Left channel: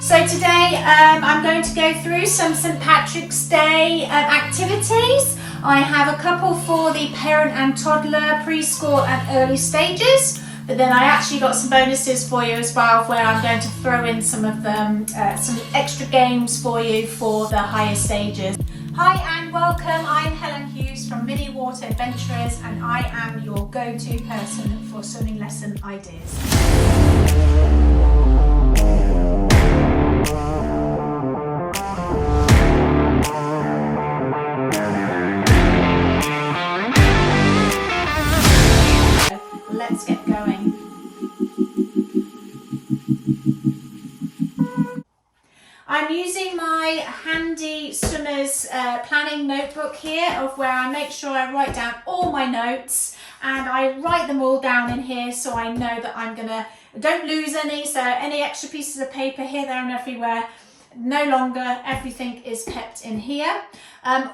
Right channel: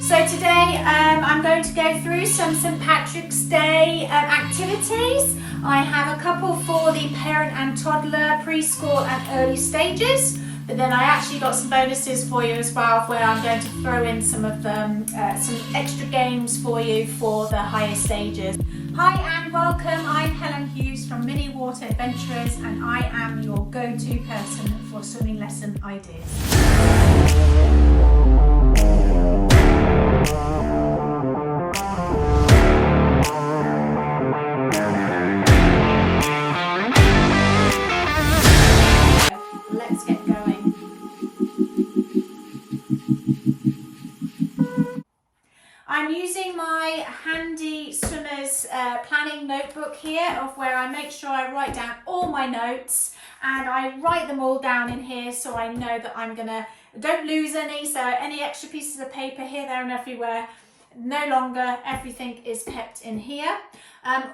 So today I'm going to go through some St. Patrick's Day activities. I have a couple for the parent and toddler, preschool and early stages, but then I actually got some bonuses for you as well, where I'm going to throw in some of them, some extra games for you for the higher stages. Hi and welcome, I'm Helen Hughes from Mini Water Adventurers, and I am your go-to person for swimming lesson ideas. Let's get going. I'm using my handy swimmer's planning notebook here, of where I make sure I write down all my notes, and I write them all down in here so I know that don't lose any. So any extra pieces of paper here, there and everywhere, no longer, everything is kept in here.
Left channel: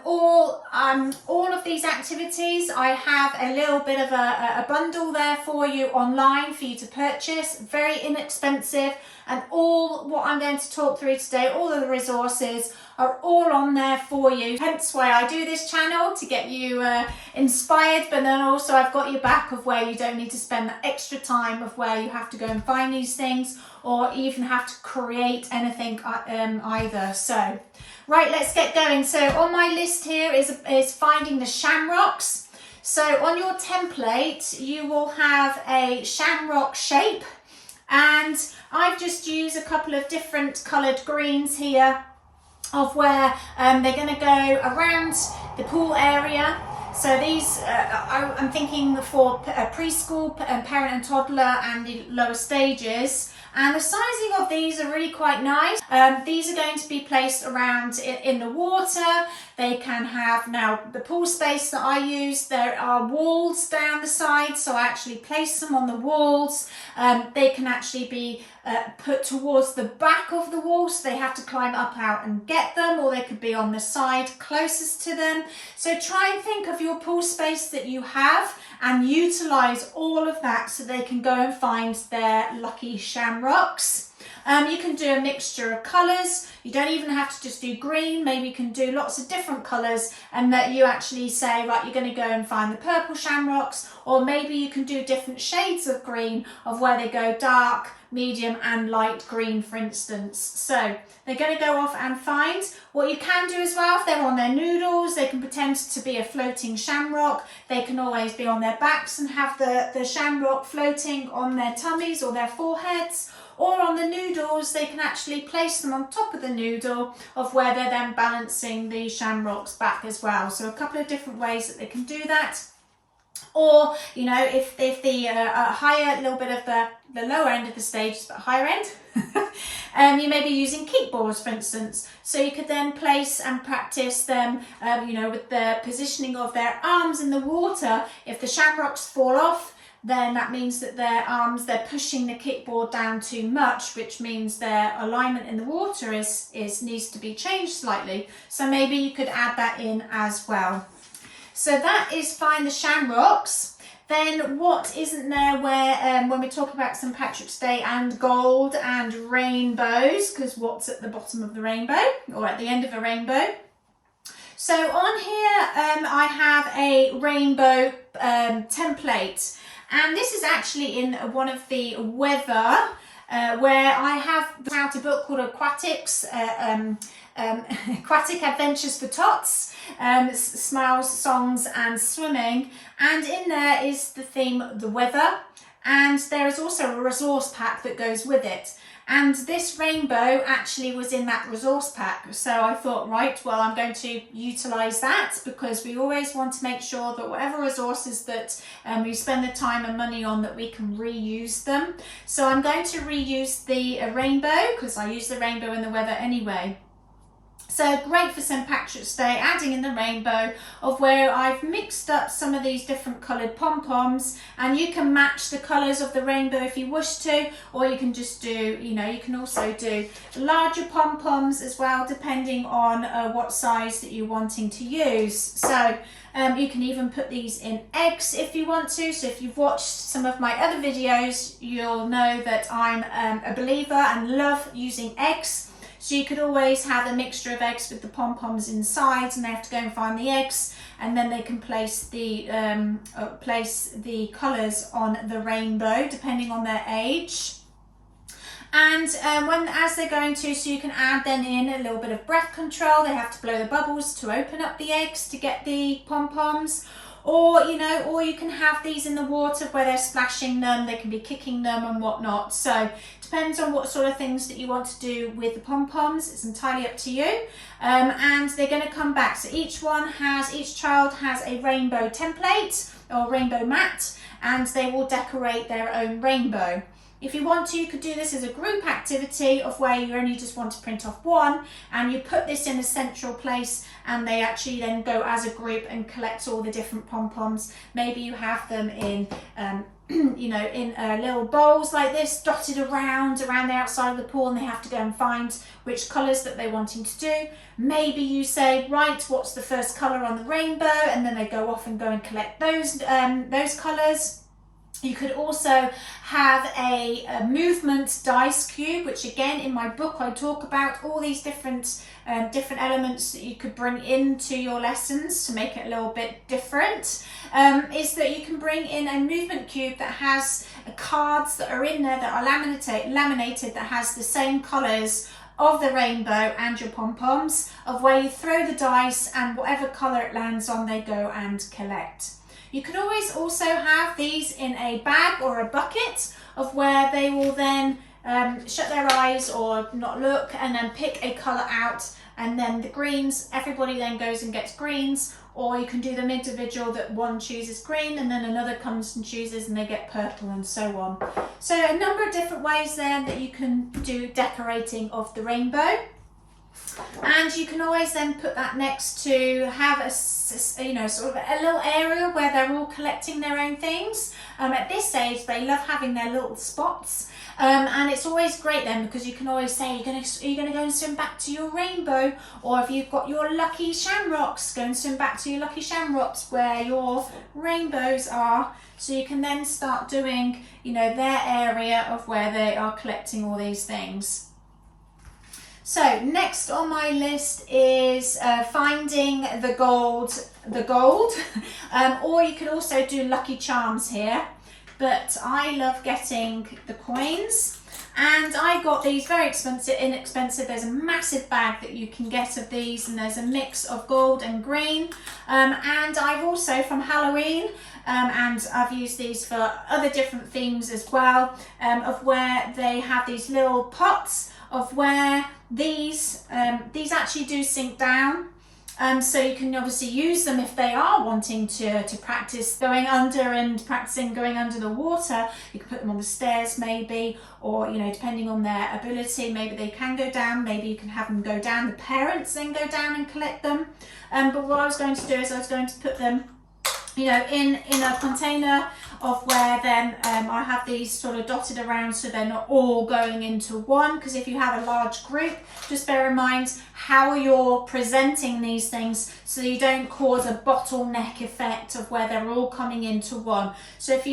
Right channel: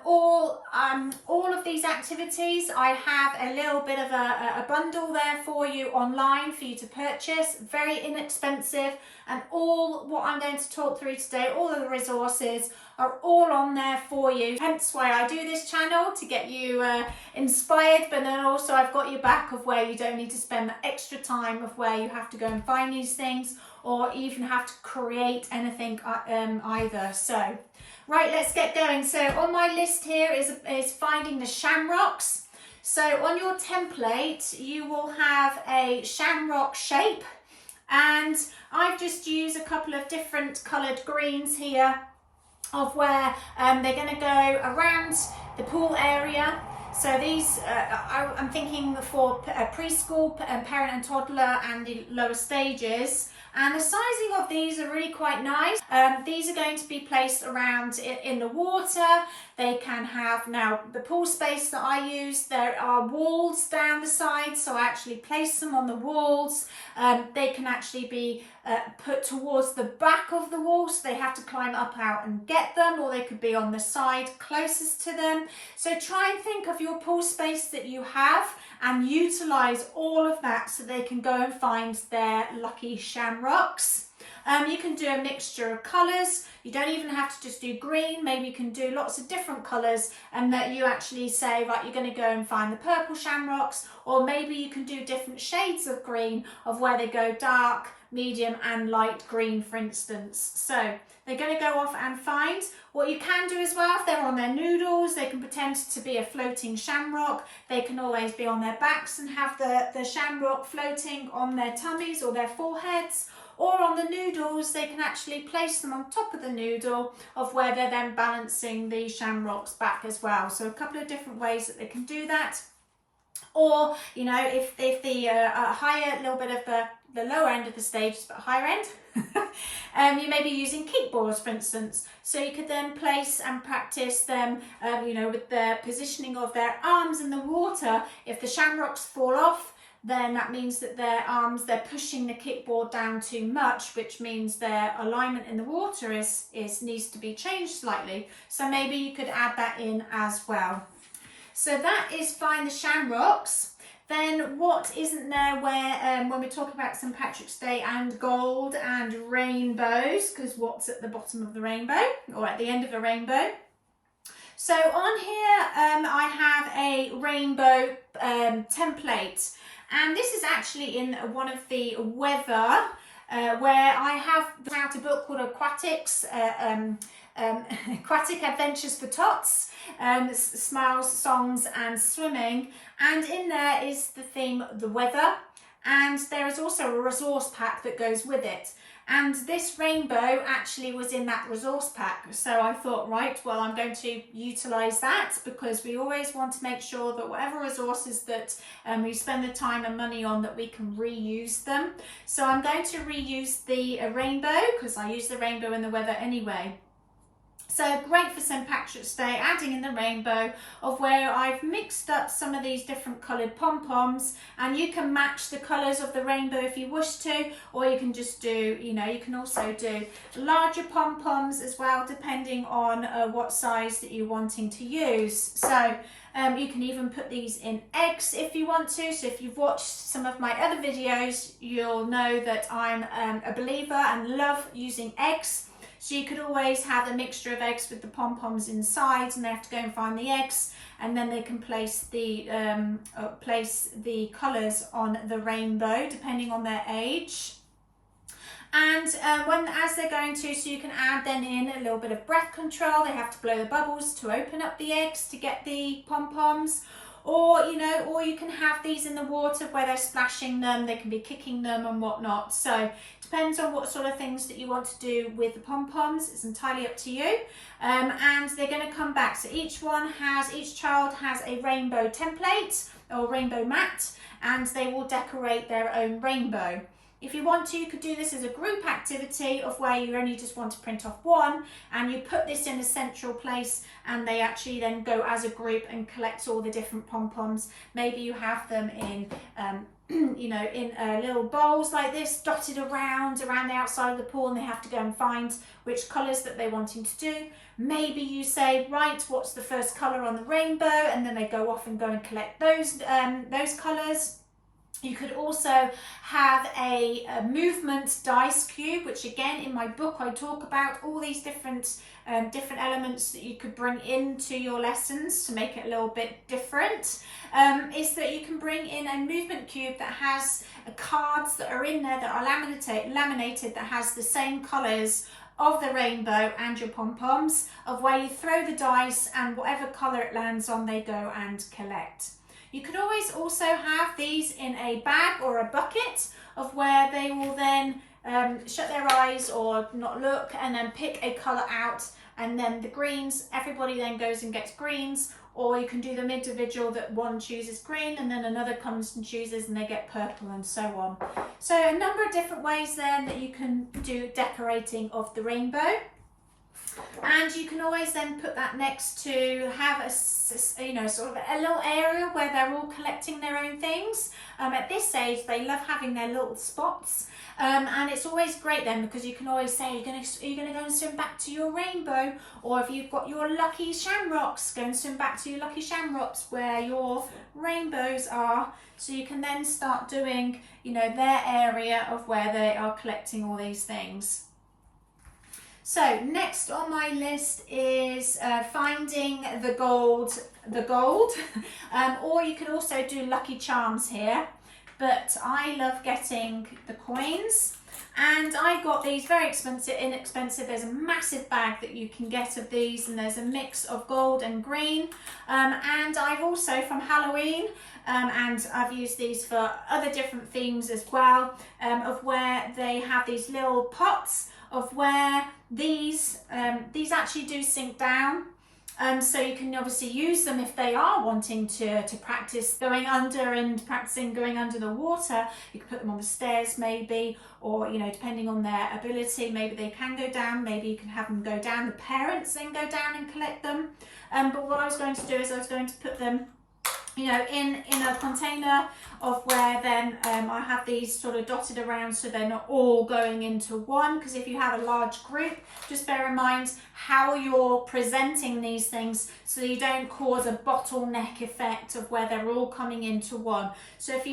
All of these activities, I have a little bit of a bundle there for you online for you to purchase, very inexpensive, and all what I'm going to talk through today, all of the resources are all on there for you. Hence why I do this channel, to get you inspired, but then also I've got your back of where you don't need to spend the extra time of where you have to go and find these things, or even have to create anything either. So right, let's get going. So on my list here is finding the shamrocks. So on your template you will have a shamrock shape, and I've just used a couple of different coloured greens here, of where they're going to go around the pool area. So these, I'm thinking for preschool, parent and toddler, and the lower stages. And the sizing of these are really quite nice. These are going to be placed around in the water. They can have, now the pool space that I use, there are walls down the side, so I actually place them on the walls. They can actually be put towards the back of the wall, so they have to climb up out and get them, or they could be on the side closest to them. So try and think of your pool space that you have and utilize all of that so they can go and find their lucky shamrocks. You can do a mixture of colours. You don't even have to just do green. Maybe you can do lots of different colours, and that you actually say, right, you're going to go and find the purple shamrocks, or maybe you can do different shades of green, of where they go dark, medium and light green, for instance. So they're going to go off and find. What you can do as well, if they're on their noodles, they can pretend to be a floating shamrock. They can always be on their backs and have the shamrock floating on their tummies or their foreheads. Or on the noodles, they can actually place them on top of the noodle, of where they're then balancing the shamrocks back as well. So a couple of different ways that they can do that. Or, you know, if the higher, little bit of the lower end of the stage, but higher end, you may be using kickballs, for instance. So you could then place and practice them, you know, with the positioning of their arms in the water. If the shamrocks fall off, then that means that their arms, they're pushing the kickboard down too much, which means their alignment in the water needs to be changed slightly. So maybe you could add that in as well. So that is find the shamrocks. Then what isn't there, where when we talk about St. Patrick's Day and gold and rainbows, because what's at the bottom of the rainbow, or at the end of a rainbow? So on here I have a rainbow template, and this is actually in one of the weather, where I have out a book called Aquatics, Aquatic Adventures for Tots, Smiles, Songs and Swimming, and in there is the theme, the weather, and there is also a resource pack that goes with it. And this rainbow actually was in that resource pack. So I thought, right, well, I'm going to utilize that, because we always want to make sure that whatever resources that we spend the time and money on, that we can reuse them. So I'm going to reuse the rainbow, because I use the rainbow in the weather anyway. So great for St. Patrick's Day, adding in the rainbow, of where I've mixed up some of these different coloured pom-poms, and you can match the colours of the rainbow if you wish to, or you can just do, you know, you can also do larger pom-poms as well, depending on what size that you're wanting to use. So you can even put these in eggs if you want to. So if you've watched some of my other videos, you'll know that I'm a believer and love using eggs. So you could always have a mixture of eggs with the pom-poms inside, and they have to go and find the eggs, and then they can place the colours on the rainbow depending on their age. And as they're going to, so you can add then in a little bit of breath control. They have to blow the bubbles to open up the eggs to get the pom-poms. Or, you know, or you can have these in the water where they're splashing them, they can be kicking them and whatnot. So depends on what sort of things that you want to do with the pom-poms. It's entirely up to you. And they're going to come back. So each child has a rainbow template or rainbow mat, and they will decorate their own rainbow. If you want to, you could do this as a group activity of where you only just want to print off one, and you put this in a central place, and they actually then go as a group and collect all the different pom-poms. Maybe you have them in you know, in little bowls like this, dotted around the outside of the pool, and they have to go and find which colours that they're wanting to do. Maybe you say, right, what's the first colour on the rainbow, and then they go off and go and collect those colours. You could also have a movement dice cube, which again in my book I talk about all these different elements that you could bring into your lessons to make it a little bit different. Is that you can bring in a movement cube that has cards that are in there that are laminated that has the same colours of the rainbow and your pom-poms, of where you throw the dice and whatever colour it lands on they go and collect. You can always also have these in a bag or a bucket, of where they will then shut their eyes or not look and then pick a colour out, and then the greens, everybody then goes and gets greens, or you can do them individual, that one chooses green and then another comes and chooses and they get purple, and so on. So a number of different ways then that you can do decorating of the rainbow. And you can always then put that next to have a, you know, sort of a little area where they're all collecting their own things. At this age, they love having their little spots. And it's always great then, because you can always say, are you going to go and swim back to your rainbow? Or if you've got your lucky shamrocks, go and swim back to your lucky shamrocks where your rainbows are. So you can then start doing, you know, their area of where they are collecting all these things. So next on my list is finding the gold, or you could also do lucky charms here, but I love getting the coins, and I got these very inexpensive. There's a massive bag that you can get of these, and there's a mix of gold and green, and I've also from Halloween, and I've used these for other different themes as well, of where they have these little pots of where these actually do sink down, so you can obviously use them if they are wanting to practice going under and practicing going under the water. You can put them on the stairs maybe, or, you know, depending on their ability, maybe they can go down, maybe you can have them go down, the parents then go down and collect them. But what I was going to do is I was going to put them, you know, in a container of where then I have these sort of dotted around, so they're not all going into one, because if you have a large group, just bear in mind how you're presenting these things so you don't cause a bottleneck effect of where they're all coming into one. So if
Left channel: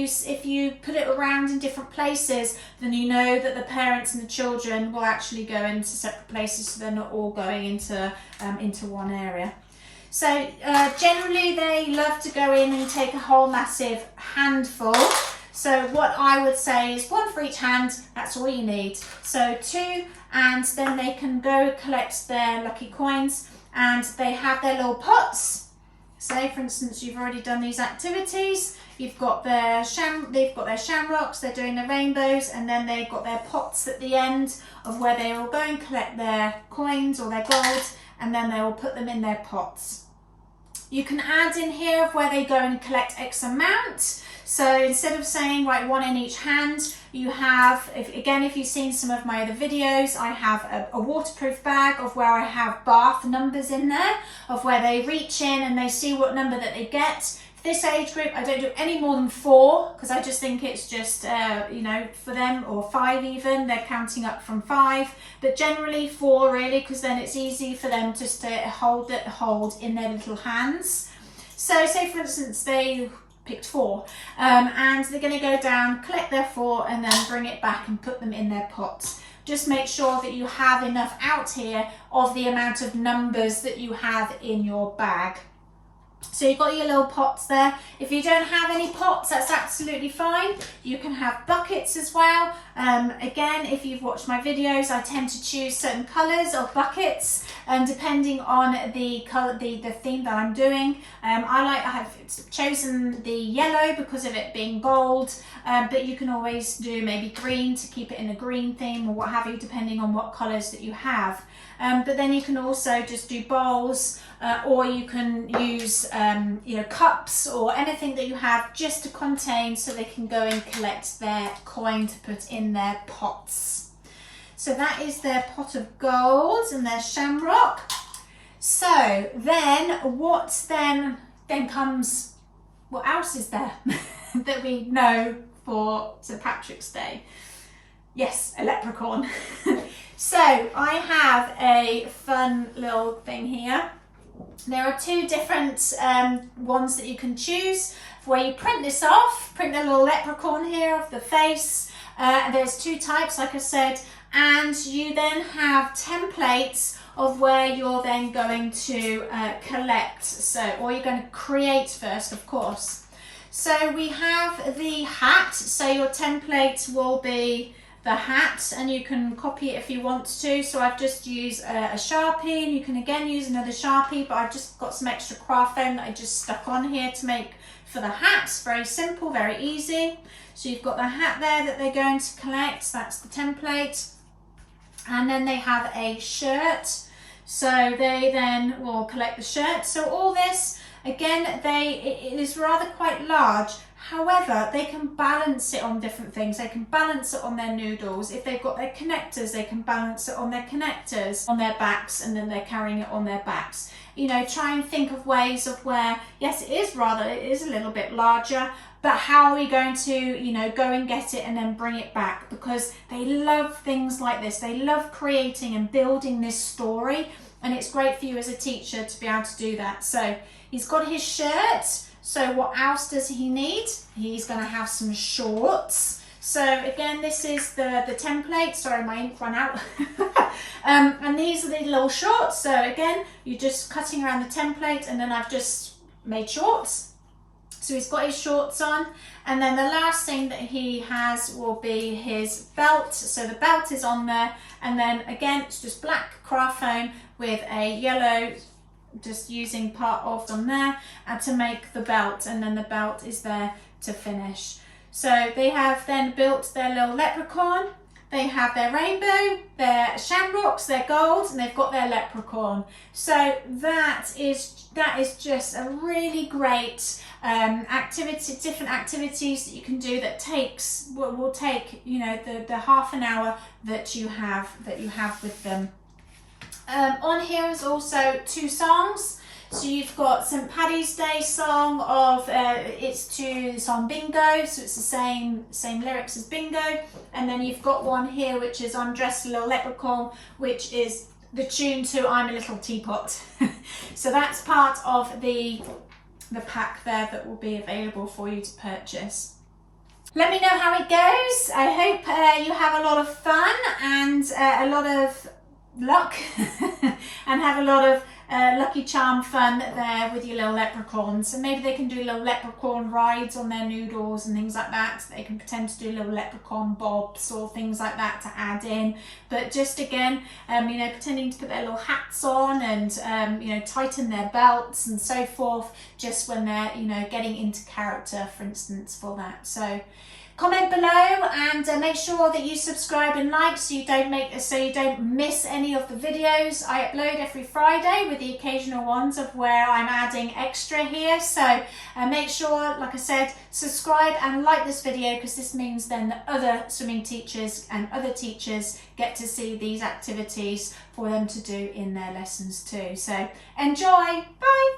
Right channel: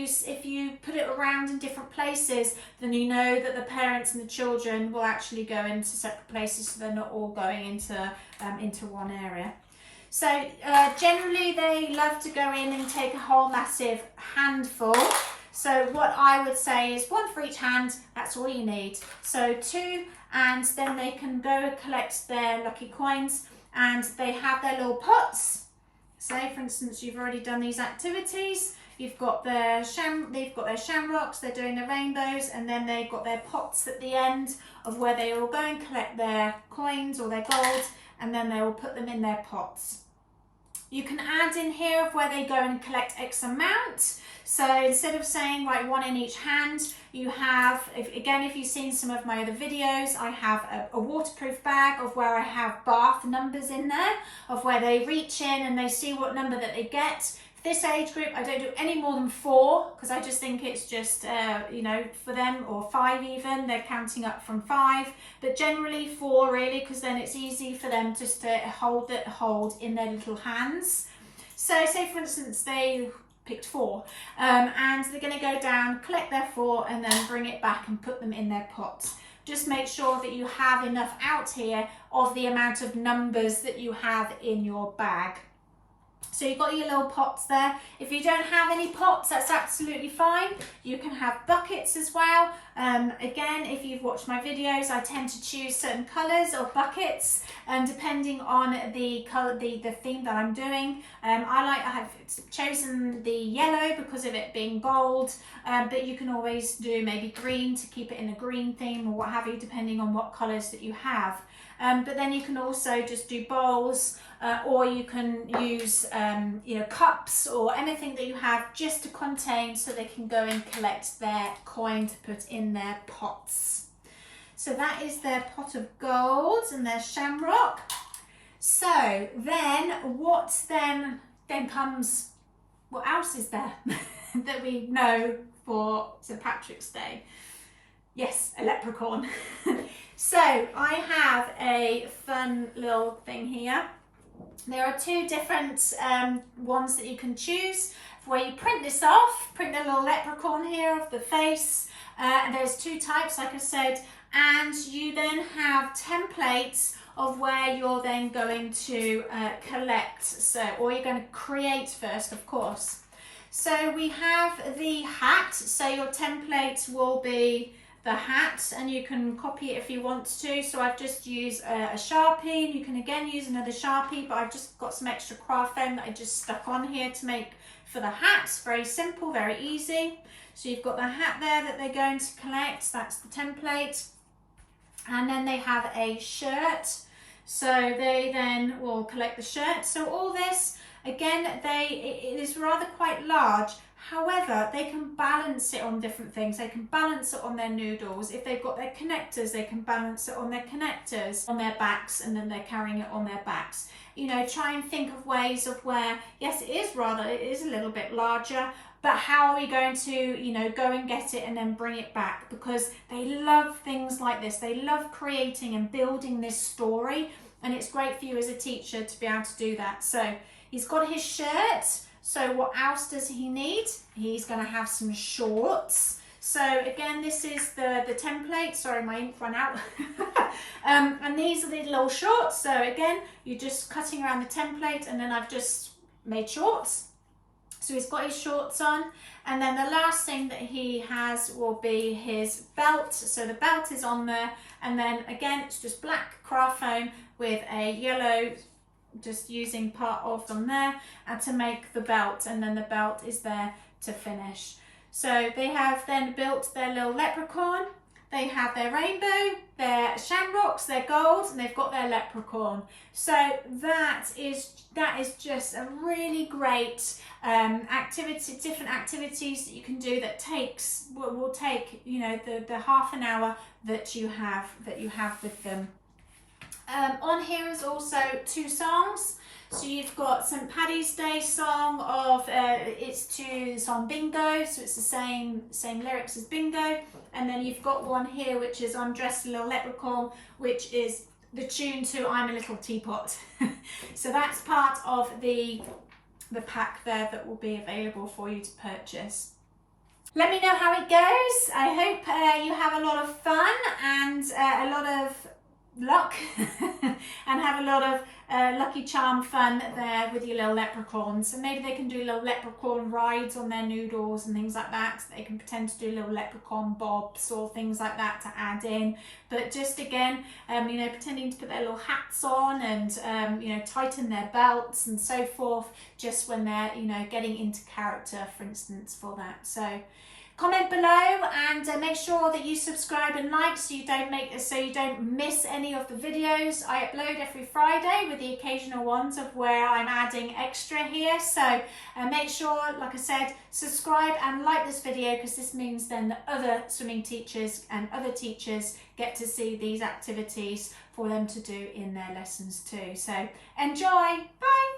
you put it around in different places, then you know that the parents and the children will actually go into separate places, so they're not all going into one area. So generally they love to go in and take a whole massive handful. So what I would say is one for each hand, that's all you need. So 2, and then they can go collect their lucky coins, and they have their little pots. Say for instance, you've already done these activities. You've got they've got their shamrocks, they're doing the rainbows, and then they've got their pots at the end of where they will go and collect their coins or their gold, and then they will put them in their pots. You can add in here of where they go and collect X amount. So instead of saying right, one in each hand, you have, if you've seen some of my other videos, I have a waterproof bag of where I have bath numbers in there, of where they reach in and they see what number that they get. This age group, I don't do any more than 4 because I just think it's just, you know, for them, or 5 even, they're counting up from 5, but generally 4 really, because then it's easy for them just to hold in their little hands. So say for instance, they picked 4 and they're going to go down, collect their 4 and then bring it back and put them in their pots. Just make sure that you have enough out here of the amount of numbers that you have in your bag. So you've got your little pots there. If you don't have any pots, that's absolutely fine. You can have buckets as well. Again, if you've watched my videos, I tend to choose certain colours of buckets depending on the colour, the theme that I'm doing. I have chosen the yellow because of it being gold, but you can always do maybe green to keep it in a green theme or what have you, depending on what colours that you have. But then you can also just do bowls, or you can use you know, cups or anything that you have just to contain, so they can go and collect their coin to put in their pots. So that is their pot of gold and their shamrock. So then what then comes, what else is there that we know for St. Patrick's Day? Yes, a leprechaun. So I have a fun little thing here. There are 2 different ones that you can choose, where you print this off, print the little leprechaun here of the face. There's 2 types, like I said, and you then have templates of where you're then going to collect, so, or you're going to create first, of course. So we have the hat, so your template will be the hat, and you can copy it if you want to. So I've just used a Sharpie, and you can again use another Sharpie, but I've just got some extra craft foam that I just stuck on here to make for the hats. Very simple, very easy. So you've got the hat there that they're going to collect, that's the template. And then they have a shirt, so they then will collect the shirt. So all this, again, it is rather quite large. However, they can balance it on different things. They can balance it on their noodles. If they've got their connectors, they can balance it on their connectors, on their backs, and then they're carrying it on their backs. You know, try and think of ways of where, yes, it is a little bit larger, but how are we going to, you know, go and get it and then bring it back? Because they love things like this. They love creating and building this story, and it's great for you as a teacher to be able to do that. So he's got his shirt. So what else does he need? He's going to have some shorts. So again, this is the template. Sorry, my ink ran out. And these are the little shorts. So again, you're just cutting around the template, and then I've just made shorts. So he's got his shorts on. And then the last thing that he has will be his belt. So the belt is on there. And then again, it's just black craft foam with a yellow, just using part of them there, and to make the belt, and then the belt is there to finish. So they have then built their little leprechaun. They have their rainbow, their shamrocks, their gold, and they've got their leprechaun. So that is just a really great activity, different activities that you can do that will take, you know, the half an hour that you have with them. On here is also 2 songs. So you've got St. Paddy's Day song of it's to the song Bingo, so it's the same lyrics as Bingo. And then you've got one here which is I'm Dressed a Little Leprechaun, which is the tune to I'm a Little Teapot. So that's part of the pack there that will be available for you to purchase. Let me know how it goes. I hope you have a lot of fun and a lot of luck and have a lot of Lucky Charm fun there with your little leprechauns. So maybe they can do little leprechaun rides on their noodles and things like that. So they can pretend to do little leprechaun bobs or things like that to add in. But just again, you know, pretending to put their little hats on and you know, tighten their belts and so forth, just when they're, you know, getting into character, for instance, for that. So Comment below and make sure that you subscribe and like so you don't miss any of the videos I upload every Friday, with the occasional ones of where I'm adding extra here. So make sure, like I said, subscribe and like this video, because this means then that other swimming teachers and other teachers get to see these activities for them to do in their lessons too. So enjoy. Bye.